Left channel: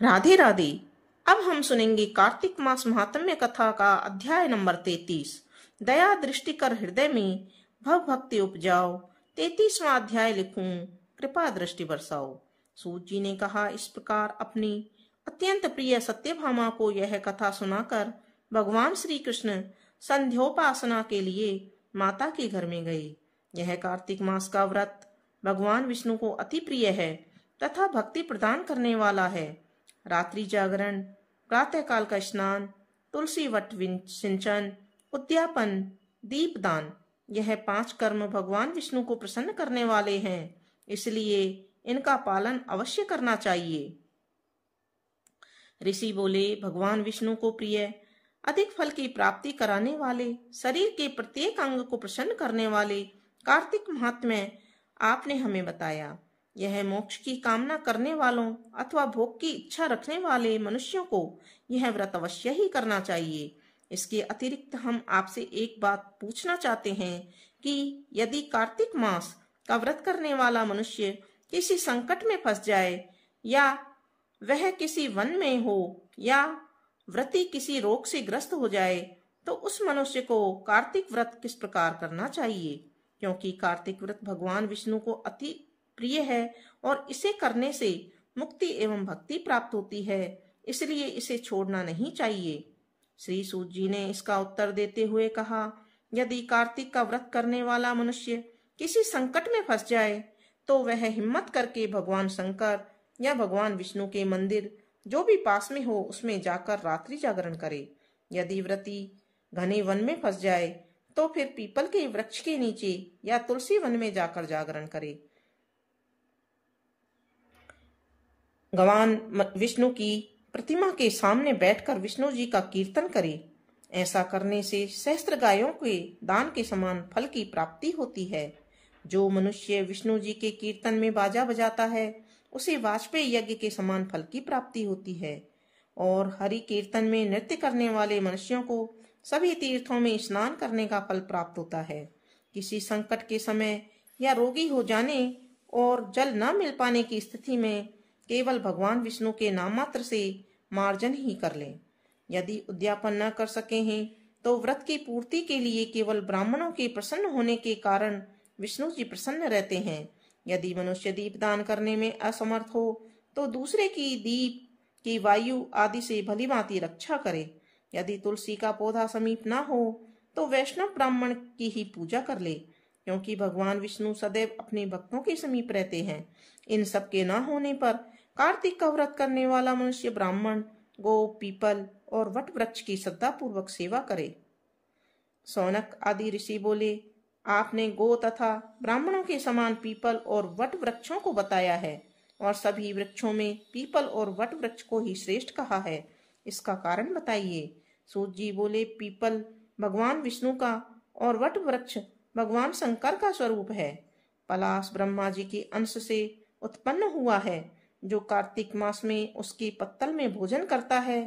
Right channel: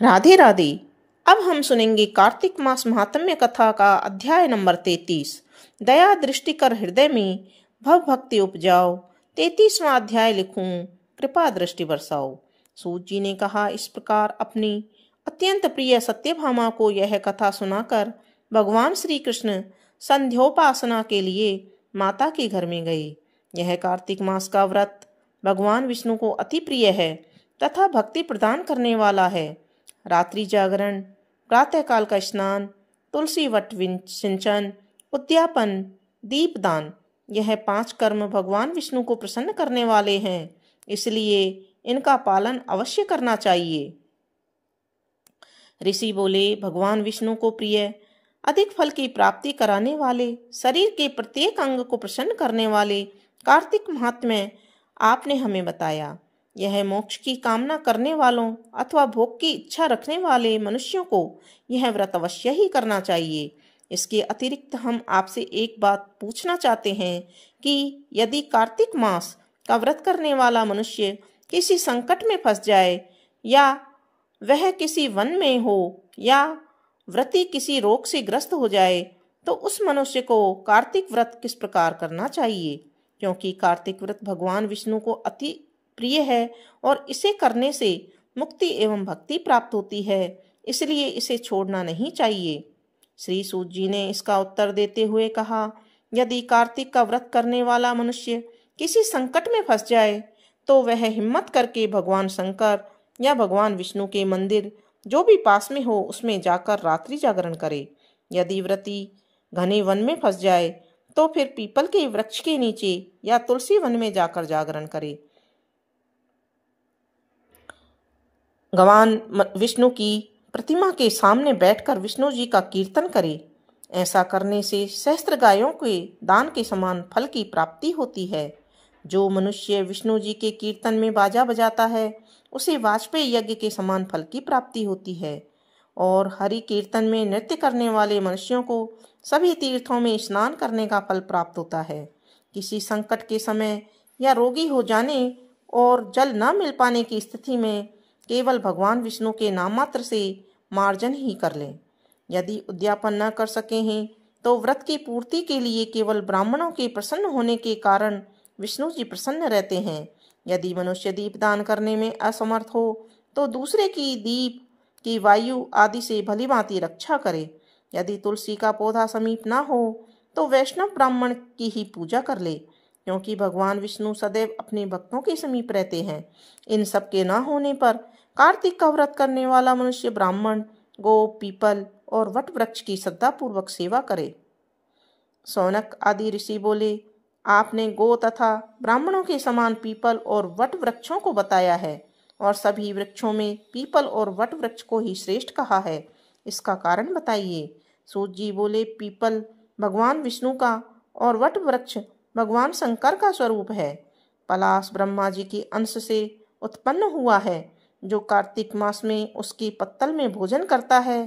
राधे राधे। अब हम सुनेंगे कार्तिक मास महात्म्य कथा का अध्याय नंबर 33। दया दृष्टि कर हृदय में भव भक्ति उपजाओ। 33वां अध्याय लिखूं, कृपा दृष्टि बरसाओ। सूत जी ने कहा, इस प्रकार अपनी अत्यंत प्रिय सत्यभामा को यह कथा सुनाकर भगवान श्री कृष्ण संध्योपासना के लिए माता के घर में गए। यह कार्तिक मास का व्रत भगवान विष्णु को अति प्रिय है तथा भक्ति प्रदान करने वाला है। रात्रि जागरण, प्रातःकाल का स्नान, तुलसी वट सिंचन, उद्यापन, दीपदान, यह 5 कर्म भगवान विष्णु को प्रसन्न करने वाले हैं, इसलिए इनका पालन अवश्य करना चाहिए। ऋषि बोले, भगवान विष्णु को प्रिय, अधिक फल की प्राप्ति कराने वाले, शरीर के प्रत्येक अंग को प्रसन्न करने वाले कार्तिक महात्म्य आपने हमें बताया। यह मोक्ष की कामना करने वालों अथवा भोग की इच्छा रखने वाले मनुष्यों को यह व्रत अवश्य ही करना चाहिए। इसके अतिरिक्त हम आपसे एक बात पूछना चाहते हैं कि यदि कार्तिक मास का व्रत करने वाला मनुष्य किसी संकट में फंस जाए, या वह किसी वन में हो, या व्रती किसी रोग से ग्रस्त हो जाए, तो उस मनुष्य को कार्तिक व्रत किस प्रकार करना चाहिए? क्योंकि कार्तिक व्रत भगवान विष्णु को अति प्रिय है और इसे करने से मुक्ति एवं भक्ति प्राप्त होती है, इसलिए इसे छोड़ना नहीं चाहिए। श्री सूत जी ने इसका उत्तर देते हुए कहा, यदि कार्तिक का व्रत करने वाला मनुष्य किसी संकट में फंस जाए तो वह हिम्मत करके भगवान शंकर या भगवान विष्णु के मंदिर जो भी पास में हो उसमें जाकर रात्रि जागरण करे। यदि व्रती घने वन में फंस जाए तो फिर पीपल के वृक्ष के नीचे या तुलसी वन में जाकर जागरण करे। भगवान विष्णु की प्रतिमा के सामने बैठकर विष्णु जी का कीर्तन करे। ऐसा करने से सहस्त्र गायों के दान के समान फल की प्राप्ति होती है। जो मनुष्य विष्णु जी के कीर्तन में बाजा बजाता है उसे वाजपेयी यज्ञ के समान फल की प्राप्ति होती है। और हरि कीर्तन में नृत्य करने वाले मनुष्यों को सभी तीर्थों में स्नान करने का फल प्राप्त होता है। किसी संकट के समय या रोगी हो जाने और जल न मिल पाने की स्थिति में केवल भगवान विष्णु के नाम मात्र से मार्जन ही कर लें। यदि उद्यापन न कर सके हैं तो व्रत की पूर्ति के लिए केवल ब्राह्मणों के प्रसन्न होने के कारण विष्णु जी प्रसन्न रहते हैं। यदि मनुष्य दीपदान करने में असमर्थ हो तो दूसरे की दीप की वायु आदि से भली भांति रक्षा करे। यदि तुलसी का पौधा समीप न हो तो वैष्णव ब्राह्मण की ही पूजा कर ले, क्योंकि भगवान विष्णु सदैव अपने भक्तों के समीप रहते हैं। इन सब के न होने पर कार्तिक का व्रत करने वाला मनुष्य ब्राह्मण, गो, पीपल और वट वृक्ष की श्रद्धापूर्वक सेवा करे। सौनक आदि ऋषि बोले, आपने गो तथा ब्राह्मणों के समान पीपल और वट वृक्षों को बताया है और सभी वृक्षों में पीपल और वट वृक्ष को ही श्रेष्ठ कहा है, इसका कारण बताइए। सूत जी बोले, पीपल भगवान विष्णु का और वट वृक्ष भगवान शंकर का स्वरूप है। पलाश ब्रह्मा जी के अंश से उत्पन्न हुआ है। जो कार्तिक मास में उसकी पत्तल में भोजन करता है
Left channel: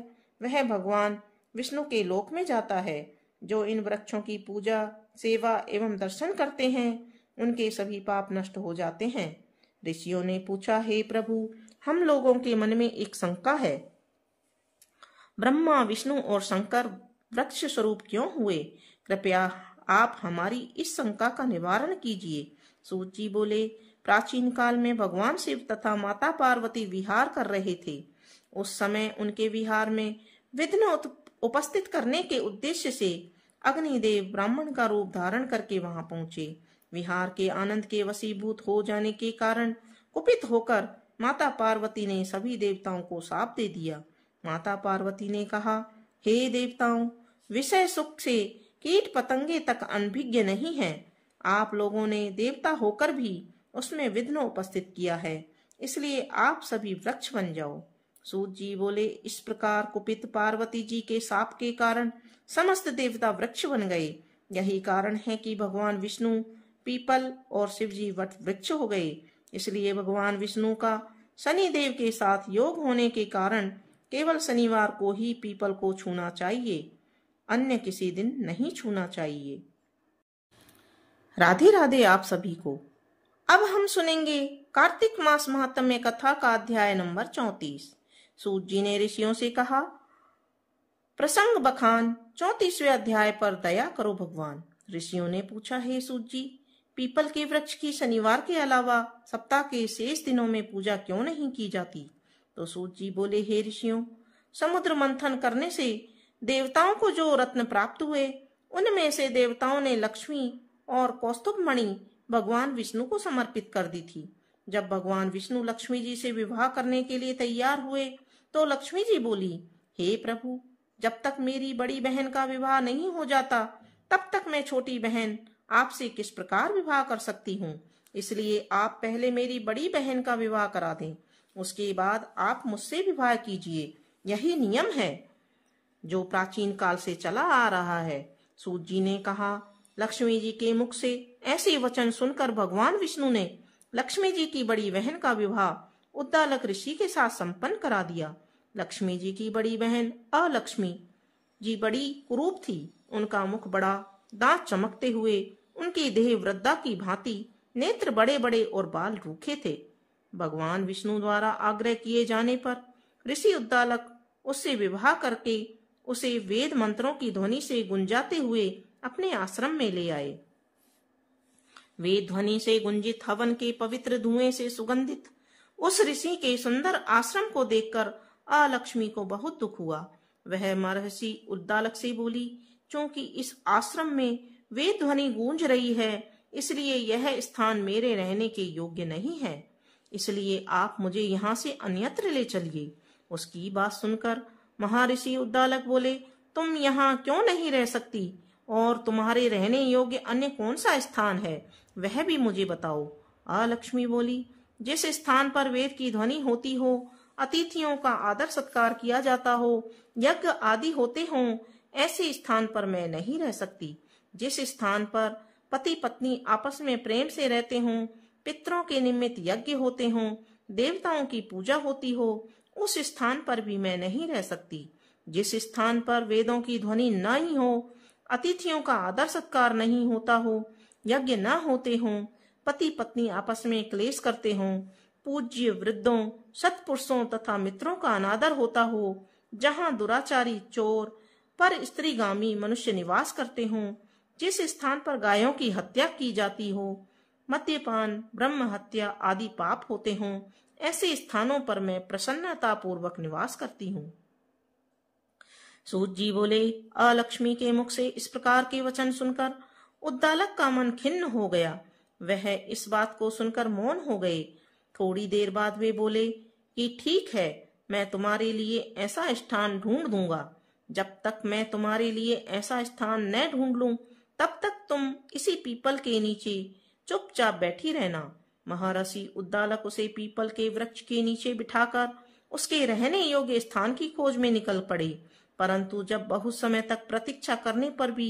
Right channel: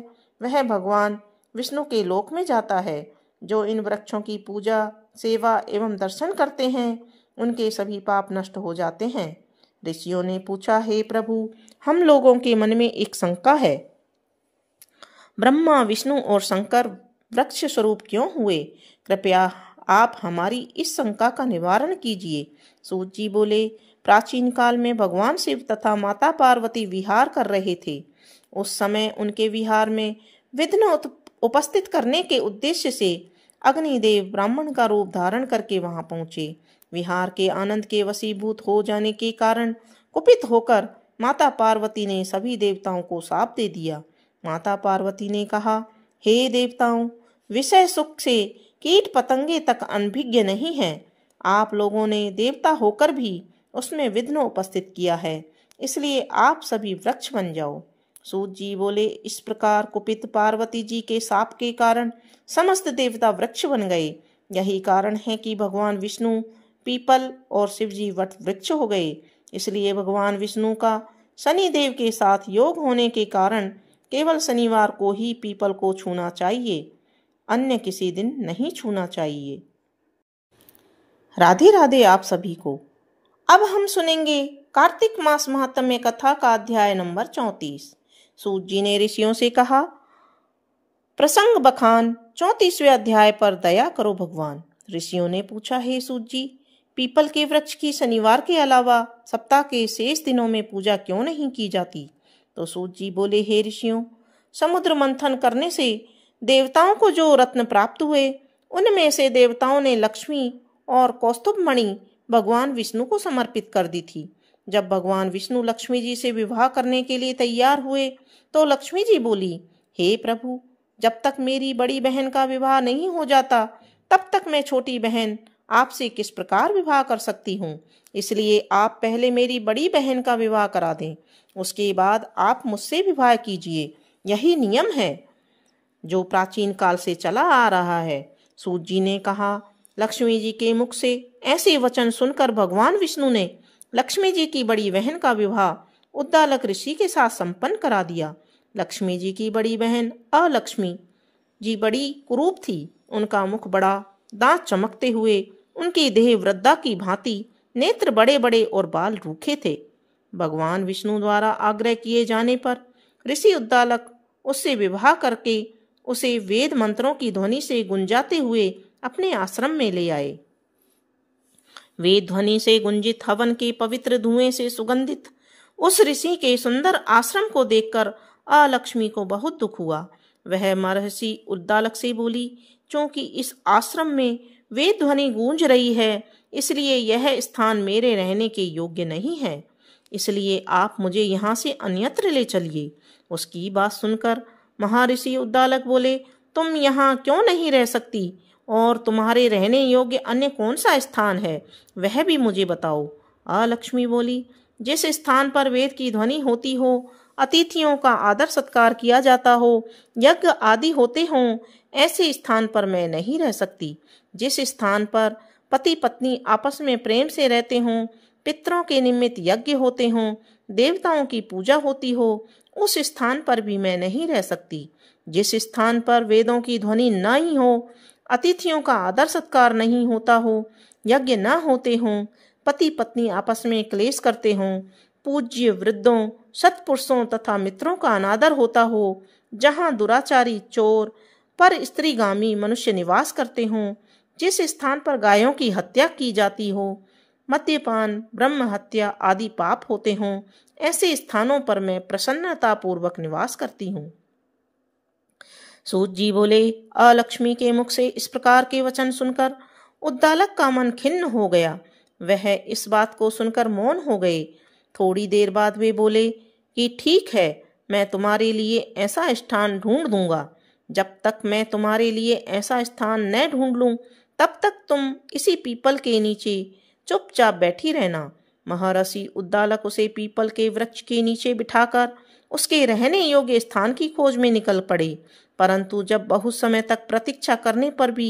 वह भगवान विष्णु के लोक में जाता है। जो इन वृक्षों की पूजा, सेवा एवं दर्शन करते हैं उनके सभी पाप नष्ट हो जाते हैं। ऋषियों ने पूछा, हे प्रभु, हम लोगों के मन में एक शंका है, ब्रह्मा, विष्णु और शंकर वृक्ष स्वरूप क्यों हुए? कृपया आप हमारी इस शंका का निवारण कीजिए। सूत जी बोले, प्राचीन काल में भगवान शिव तथा माता पार्वती विहार कर रहे थे। उस समय उनके विहार में विघ्न उपस्थित करने के उद्देश्य से अग्निदेव ब्राह्मण का रूप धारण करके वहां पहुंचे। विहार के आनंद के वशीभूत हो जाने के कारण कुपित होकर माता पार्वती ने सभी देवताओं को शाप दे दिया। माता पार्वती ने कहा, हे देवताओं, विषय सुख से कीट पतंगे तक अनभिज्ञ नहीं है। आप लोगों ने देवता होकर भी उसमें विघ्न उपस्थित किया है, इसलिए आप सभी वृक्ष बन जाओ। सूत जी बोले, इस प्रकार कुपित पार्वती जी के शाप के कारण समस्त देवता वृक्ष बन गए। यही कारण है कि भगवान विष्णु पीपल और शिव जी वट वृक्ष हो गए। इसलिए भगवान विष्णु का शनिदेव के साथ योग होने के कारण केवल शनिवार को ही पीपल को छूना चाहिए, अन्य किसी दिन नहीं छूना चाहिए। राधे राधे आप सभी को। अब हम सुनेंगे कार्तिक मास महात्म्य कथा का अध्याय नंबर 34। सूत जी ने ऋषियों से कहा, प्रसंग बखान 34वें अध्याय पर दया करो भगवान। ऋषियों ने पूछा, हे सूत जी, पीपल के वृक्ष की शनिवार के अलावा सप्ताह के शेष दिनों में पूजा क्यों नहीं की जाती? तो सूत जी बोले, हे ऋषियों, समुद्र मंथन करने से देवताओं को जो रत्न प्राप्त हुए, उनमें से देवताओं ने लक्ष्मी और कौस्तुभ मणि भगवान विष्णु को समर्पित कर दी थी। जब भगवान विष्णु लक्ष्मी जी से विवाह करने के लिए तैयार हुए तो लक्ष्मी जी बोली, हे प्रभु, जब तक मेरी बड़ी बहन का विवाह नहीं हो जाता तब तक मैं छोटी बहन आपसे किस प्रकार विवाह कर सकती हूँ। इसलिए आप पहले मेरी बड़ी बहन का विवाह करा दें, उसके बाद आप मुझसे विवाह कीजिए। यही नियम है जो प्राचीन काल से चला आ रहा है। सूत जी ने कहा, लक्ष्मी जी के मुख से ऐसे वचन सुनकर भगवान विष्णु ने लक्ष्मी जी की बड़ी बहन का विवाह उद्दालक ऋषि के साथ संपन्न करा दिया। लक्ष्मी जी की बड़ी बहन अलक्ष्मी जी बड़ी कुरूप थी। उनका मुख बड़ा, दांत चमकते हुए, उनकी देह वृद्धा की भांति, नेत्र बड़े बड़े और बाल रूखे थे। भगवान विष्णु द्वारा आग्रह किए जाने पर ऋषि उद्दालक उससे विवाह करके उसे वेद मंत्रों की ध्वनि से गुंजाते हुए अपने आश्रम में ले आए। वेद ध्वनि से गुंजित हवन के पवित्र धुएं से सुगंधित उस ऋषि के सुंदर आश्रम को देखकर अलक्ष्मी को बहुत दुख हुआ। वह महर्षि उद्दालक से बोली, क्योंकि इस आश्रम में वेद ध्वनि गूंज रही है, इसलिए यह स्थान मेरे रहने के योग्य नहीं है। इसलिए आप मुझे यहाँ से अन्यत्र ले चलिए। उसकी बात सुनकर महर्षि उद्दालक बोले, तुम यहाँ क्यों नहीं रह सकती और तुम्हारे रहने योग्य अन्य कौन सा स्थान है, वह भी मुझे बताओ। अलक्ष्मी बोली, जिस स्थान पर वेद की ध्वनि होती हो, अतिथियों का आदर सत्कार किया जाता हो, यज्ञ आदि होते हों, ऐसे स्थान पर मैं नहीं रह सकती। जिस स्थान पर पति पत्नी आपस में प्रेम से रहते हों, पितरों के निमित्त यज्ञ होते हों, देवताओं की पूजा होती हो, उस स्थान पर भी मैं नहीं रह सकती। जिस स्थान पर वेदों की ध्वनि न ही हो, अतिथियों का आदर सत्कार नहीं होता हो, यज्ञ न होते हों, पति पत्नी आपस में क्लेश करते हों, पूज्य वृद्धों, सत्पुरुषों तथा मित्रों का अनादर होता हो, जहाँ दुराचारी, चोर, पर स्त्रीगामी मनुष्य निवास करते हों, जिस स्थान पर गायों की हत्या की जाती हो, मद्यपान, ब्रह्म हत्या आदि पाप होते हों, ऐसे स्थानों पर मैं प्रसन्नता पूर्वक निवास करती हूँ। सूत जी बोले, अलक्ष्मी के मुख से इस प्रकार के वचन सुनकर उद्दालक का मन खिन्न हो गया। वह इस बात को सुनकर मौन हो गए। थोड़ी देर बाद वे बोले कि ठीक है, मैं तुम्हारे लिए ऐसा स्थान ढूंढ दूंगा। जब तक मैं तुम्हारे लिए ऐसा स्थान न ढूंढ लूं, तब तक तुम इसी पीपल के नीचे चुपचाप बैठी रहना। महर्षि उद्दालक उसे पीपल के वृक्ष के नीचे बिठाकर उसके रहने योग्य स्थान की खोज में निकल पड़े। परंतु जब बहुत समय तक प्रतीक्षा करने पर भी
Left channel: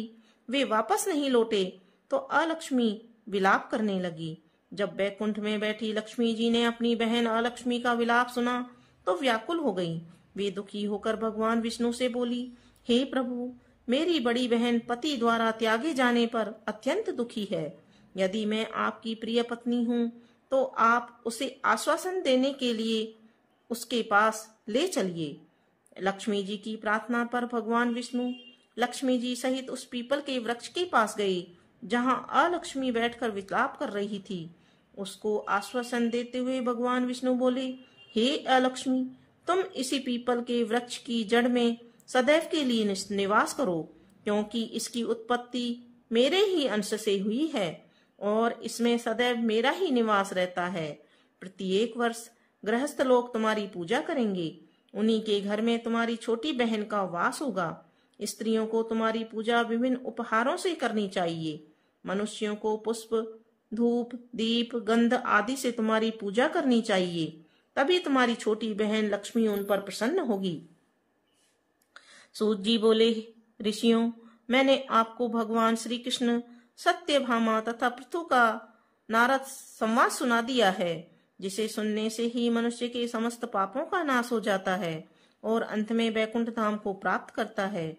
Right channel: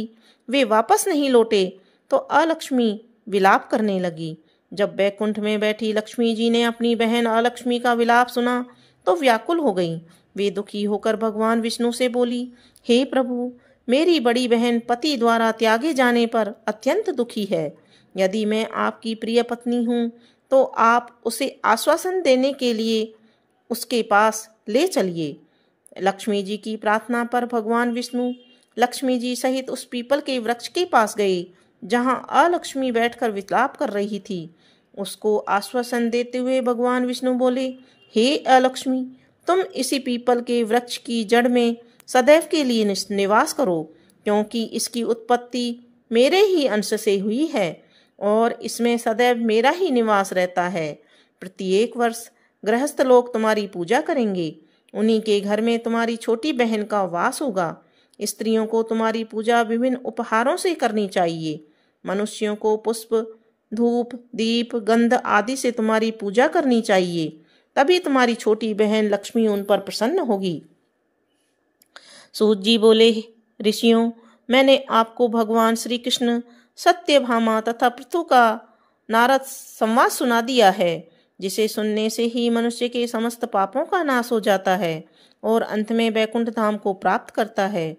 वे वापस नहीं लौटे तो अलक्ष्मी विलाप करने लगी। जब बैकुंठ में बैठी लक्ष्मी जी ने अपनी बहन अलक्ष्मी का विलाप सुना तो व्याकुल हो गईं। वे दुखी होकर भगवान विष्णु से बोली, हे प्रभु, मेरी बड़ी बहन पति द्वारा त्यागे जाने पर अत्यंत दुखी है। यदि मैं आपकी प्रिय पत्नी हूँ तो आप उसे आश्वासन देने के लिए उसके पास ले चलिए। लक्ष्मी जी की प्रार्थना पर भगवान विष्णु लक्ष्मी जी सहित उस पीपल के वृक्ष के पास गए जहां अलक्ष्मी बैठकर विलाप कर रही थी। उसको आश्वासन देते हुए भगवान विष्णु बोले, हे अलक्ष्मी, तुम इसी पीपल के वृक्ष की जड़ में सदैव के लिए निवास करो, क्योंकि इसकी उत्पत्ति मेरे ही अंश से हुई है और इसमें सदैव मेरा ही निवास रहता है। प्रत्येक वर्ष गृहस्थ लोग तुम्हारी पूजा करेंगे। उन्हीं के घर में तुम्हारी छोटी बहन का वास होगा। स्त्रियों को तुम्हारी पूजा विभिन्न उपहारों से करनी चाहिए। मनुष्यों को पुष्प, धूप, दीप, गंध आदि से तुम्हारी पूजा करनी चाहिए। तभी तुम्हारी छोटी बहन लक्ष्मी उन पर प्रसन्न होगी। सूत जी बोले, ऋषियों, मैंने आपको भगवान श्री कृष्ण, सत्यभामा तथा पृथु का नारद संवाद सुना दिया है, जिसे सुनने से ही मनुष्य के समस्त पापों का नाश हो जाता है और अंत में बैकुंठ धाम को प्राप्त करता है।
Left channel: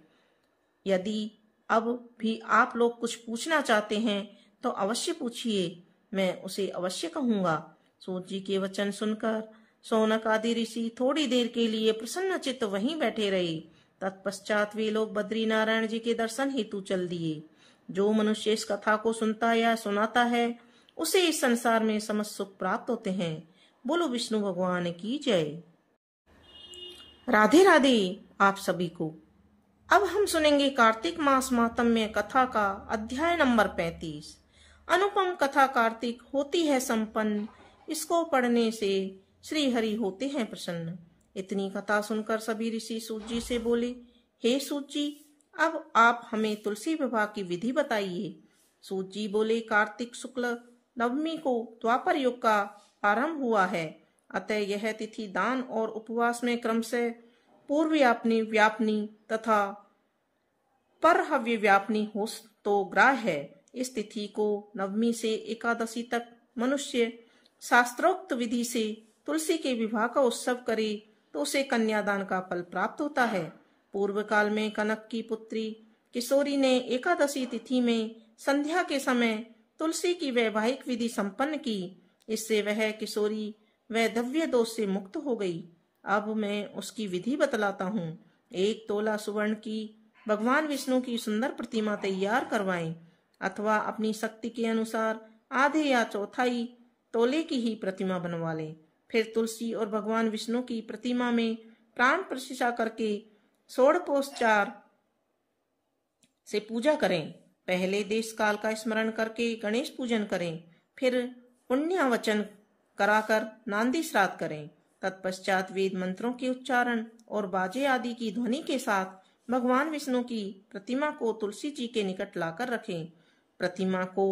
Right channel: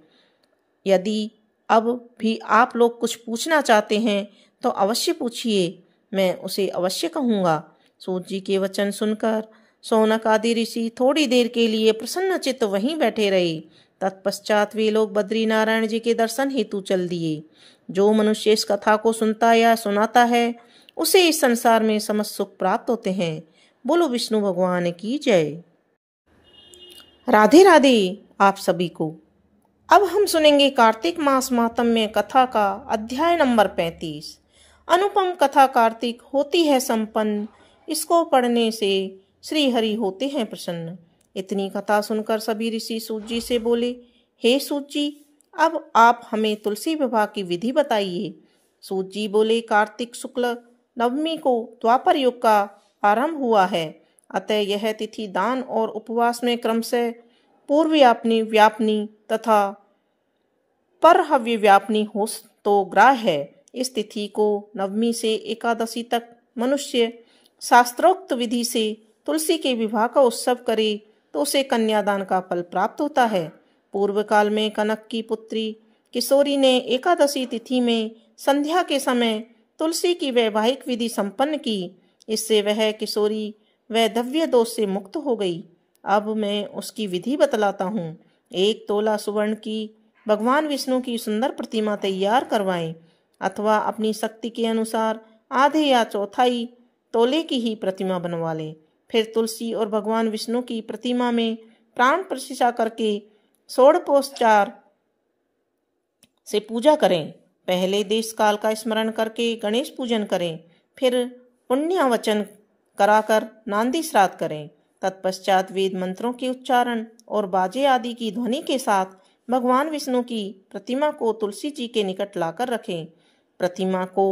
यदि अब भी आप लोग कुछ पूछना चाहते हैं तो अवश्य पूछिए, मैं उसे अवश्य कहूँगा। सूत जी के वचन सुनकर शौनक आदि ऋषि थोड़ी देर के लिए प्रसन्नचित्त वहीं बैठे रहे। तत्पश्चात वे लोग बद्री नारायण जी के दर्शन हेतु चल दिए। जो मनुष्य इस कथा को सुनता या सुनाता है उसे इस संसार में समस्त सुख प्राप्त होते हैं। बोलो विष्णु भगवान की जय। राधे राधे आप सभी को। अब हम सुनेंगे कार्तिक मास माहात्म्य कथा का अध्याय नंबर 35। अनुपम कथा कार्तिक होती है संपन्न, इसको पढ़ने से श्री हरि होते हैं प्रसन्न। इतनी कथा सुनकर सभी ऋषि सूत जी से बोले, हे सूत जी, अब आप हमें तुलसी विवाह की विधि बताइए। सूत जी बोले, कार्तिक शुक्ल नवमी को द्वापर युग का आरंभ हुआ है, अतः यह तिथि दान और उपवास में क्रमशः पूर्व व्यापनी तथा पर हव्य व्यापनी हो तो ग्राह्य है। इस तिथि को नवमी से एकादशी तक मनुष्य शास्त्रोक्त विधि से तुलसी के विवाह का उत्सव करे तो उसे कन्यादान का फल प्राप्त होता है। पूर्व काल में कनक की पुत्री किशोरी ने एकादशी तिथि में संध्या के समय तुलसी की वैवाहिक विधि संपन्न की। इससे वह किशोरी वैधव्य दोष से मुक्त हो गई। अब मैं उसकी विधि बतलाता हूँ। 1 तोला सुवर्ण की भगवान विष्णु की सुंदर प्रतिमा तैयार करवाएं, अथवा अपनी शक्ति के अनुसार आधे या चौथाई तोले की ही प्रतिमा बनवा लें। फिर तुलसी और भगवान विष्णु की प्रतिमा में प्राण प्रतिष्ठा करके षोडशोपचार से पूजा करें। पहले देश काल का स्मरण करके गणेश पूजन करें, फिर पुण्यवचन कराकर नांदी श्राद्ध करें। तत्पश्चात वेद मंत्रों के उच्चारण और बाजे आदि की ध्वनि के साथ भगवान विष्णु की प्रतिमा को तुलसी जी के निकट लाकर रखें। प्रतिमा को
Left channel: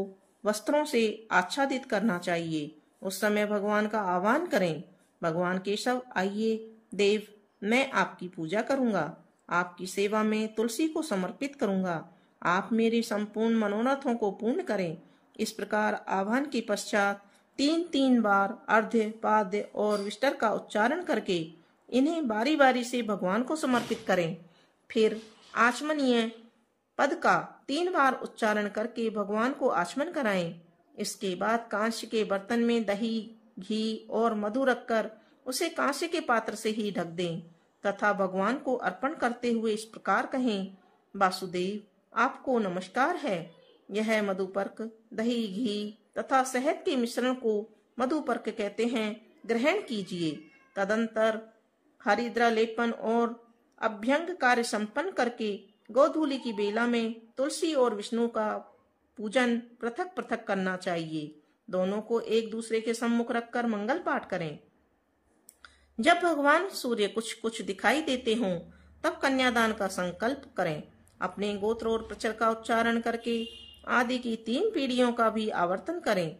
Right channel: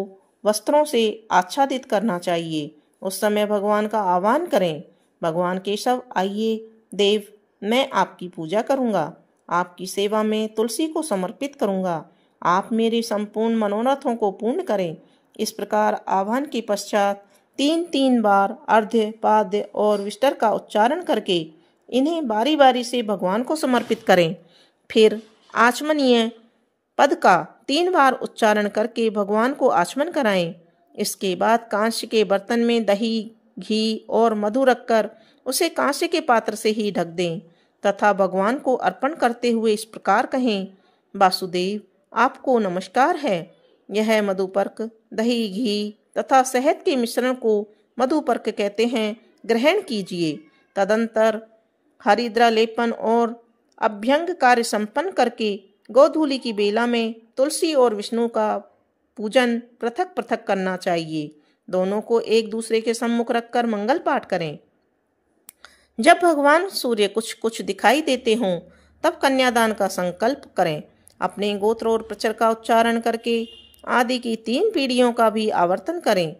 वस्त्रों से आच्छादित करना चाहिए। उस समय भगवान का आह्वान करें, भगवान केशव आइए देव, मैं आपकी पूजा करूंगा, आपकी सेवा में तुलसी को समर्पित करूंगा, आप मेरे संपूर्ण मनोरथों को पूर्ण करें। इस प्रकार आह्वान के पश्चात 3 बार अर्ध्य, पाद्य और विष्टर का उच्चारण करके इन्हें बारी बारी से भगवान को समर्पित करें। फिर आचमनीय पद का 3 बार उच्चारण करके भगवान को आचमन कराएं। इसके बाद कांस्य के बर्तन में दही, घी और मधु रखकर उसे कांस्य के पात्र से ही ढक दें तथा भगवान को अर्पण करते हुए इस प्रकार कहें, वासुदेव आपको नमस्कार है। यह मधुपर्क, दही, घी तथा शहद के मिश्रण को मधुपर्क कहते हैं, ग्रहण कीजिए। तदंतर हरिद्रा लेपन और अभ्यंग कार्य संपन्न करके गोधूलि की बेला में तुलसी और विष्णु का पूजन पृथक पृथक करना चाहिए। दोनों को एक दूसरे के सम्मुख रखकर मंगल पाठ करें। जब भगवान सूर्य कुछ कुछ दिखाई देते हों तब कन्यादान का संकल्प करें। अपने गोत्र और प्रचर का उच्चारण करके आदि की 3 पीढ़ियों का भी आवर्तन करें।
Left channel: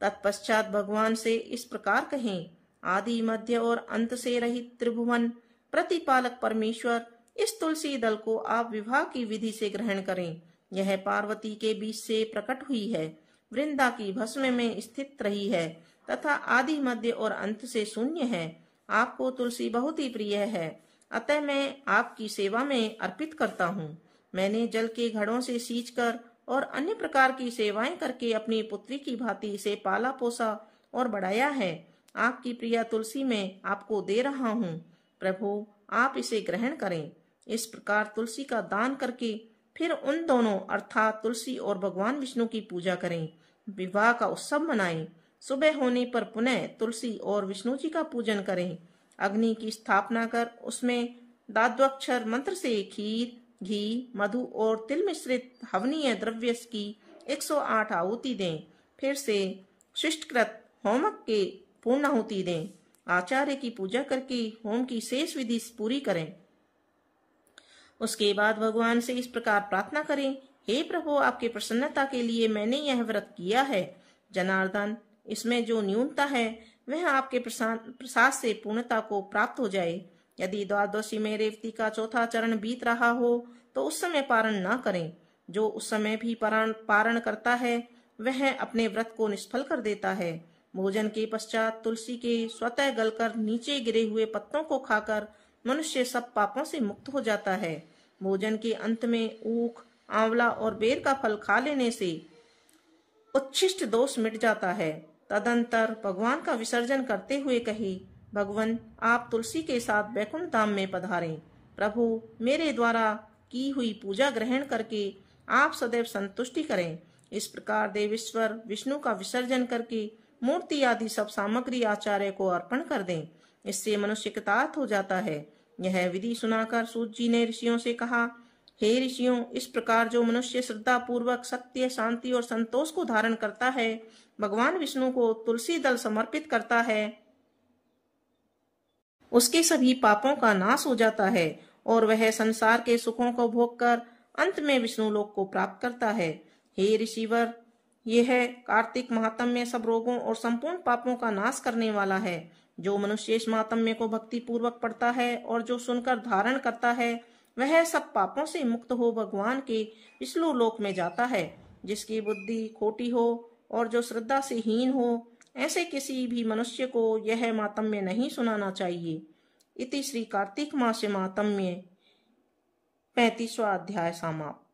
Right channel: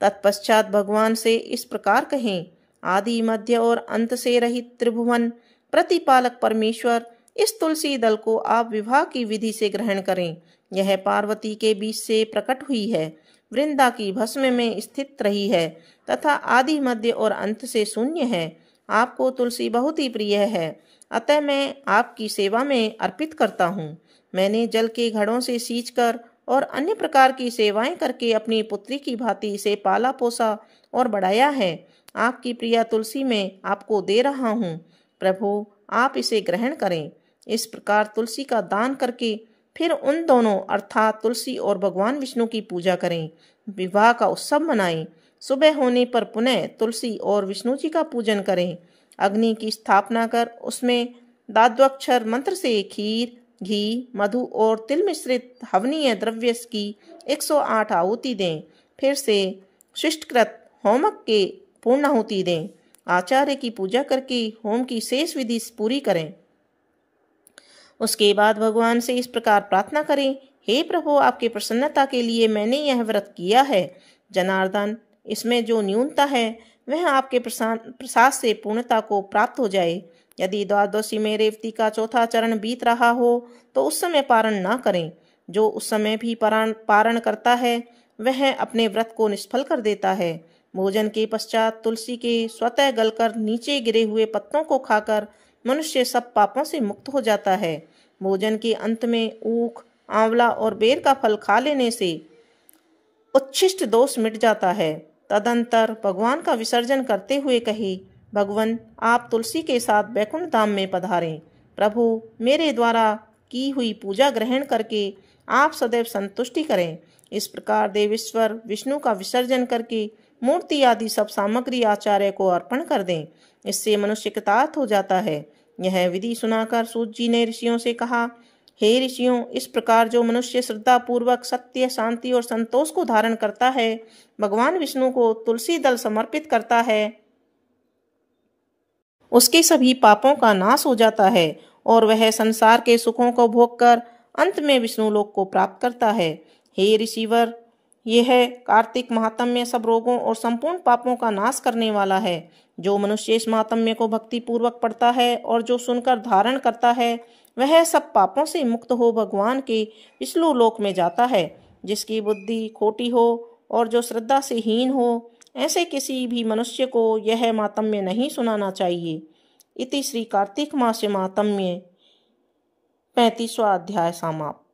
तत्पश्चात भगवान से इस प्रकार कहें, आदि मध्य और अंत से रहित त्रिभुवन प्रतिपालक परमेश्वर, इस तुलसी दल को आप विवाह की विधि से ग्रहण करें। यह पार्वती के बीच से प्रकट हुई है, वृंदा की भस्म में स्थित रही है तथा आदि मध्य और अंत से शून्य है। आपको तुलसी बहुत ही प्रिय है, अतः मैं आपकी सेवा में अर्पित करता हूँ। मैंने जल के घड़ों से सींचकर और अन्य प्रकार की सेवाएं करके अपनी पुत्री की भांति इसे पाला पोसा और बढ़ाया है। आपकी प्रिया तुलसी मैं आपको दे रहा हूँ, प्रभु आप इसे ग्रहण करें। इस प्रकार तुलसी का दान करके फिर उन दोनों अर्थात तुलसी और भगवान विष्णु की पूजा करें, विवाह का उत्सव मनाएं। सुबह होने पर पुनः तुलसी और विष्णु जी का पूजन करें। अग्नि की स्थापना कर उसमें दाद्वाक्षर मंत्र से खीर, घी, मधु और तिल मिश्रित हवनीय द्रव्य की 108 आहुति दें। फिर से शिष्टकृत होमक के पूर्णाहुति दें। आचार्य की पूजा करके होम की शेष विधि पूरी करें। उसके बाद भगवान से इस प्रकार प्रार्थना करें, हे प्रभु आपके प्रसन्नता के लिए मैंने यह व्रत किया है। जनार्दन, इसमें जो न्यूनता है वह आपके प्रसाद से पूर्णता को प्राप्त हो जाए। यदि द्वादशी में रेवती का चौथा चरण बीत रहा हो तो उस समय पारण न करें। जो उस समय भी पारण करता है वह अपने व्रत को निष्फल कर देता है। भोजन के पश्चात तुलसी के स्वतः गलकर नीचे गिरे हुए पत्तों को खाकर मनुष्य सब पापों से मुक्त हो जाता है। भोजन के अंत में ऊख, आंवला और बेर का फल खा लेने से उच्छिष्ट दोष मिट जाता है। तदंतर भगवान का विसर्जन करते हुए कहे, भगवान, आप तुलसी के साथ वैकुंठ धाम में पधारें। प्रभु, मेरे द्वारा की हुई पूजा ग्रहण करके आप सदैव संतुष्टि करें। इस प्रकार देवेश्वर विष्णु का विसर्जन करके मूर्ति आदि सब सामग्री आचार्य को अर्पण कर दें। इससे मनुष्य कृतार्थ हो जाता है। यह विधि सुनाकर सूत जी ने ऋषियों से कहा, हे ऋषियों, इस प्रकार जो मनुष्य श्रद्धा पूर्वक सत्य, शांति और संतोष को धारण करता है, भगवान विष्णु को तुलसी दल समर्पित करता है, उसके सभी पापों का नाश हो जाता है और वह संसार के सुखों को भोग कर अंत में विष्णु लोक को प्राप्त करता है। हे ऋषिवर, यह कार्तिक महात्म्य सब रोगों और संपूर्ण पापों का नाश करने वाला है। जो मनुष्य इस महात्म्य को भक्ति पूर्वक पढ़ता है और जो सुनकर धारण करता है, वह सब पापों से मुक्त हो भगवान के विष्णु लोक में जाता है। जिसकी बुद्धि खोटी हो और जो श्रद्धा से हीन हो, ऐसे किसी भी मनुष्य को यह महात्म्य नहीं सुनाना चाहिए। इति श्री कार्तिक मास महात्म्य 35वां अध्याय समाप्त।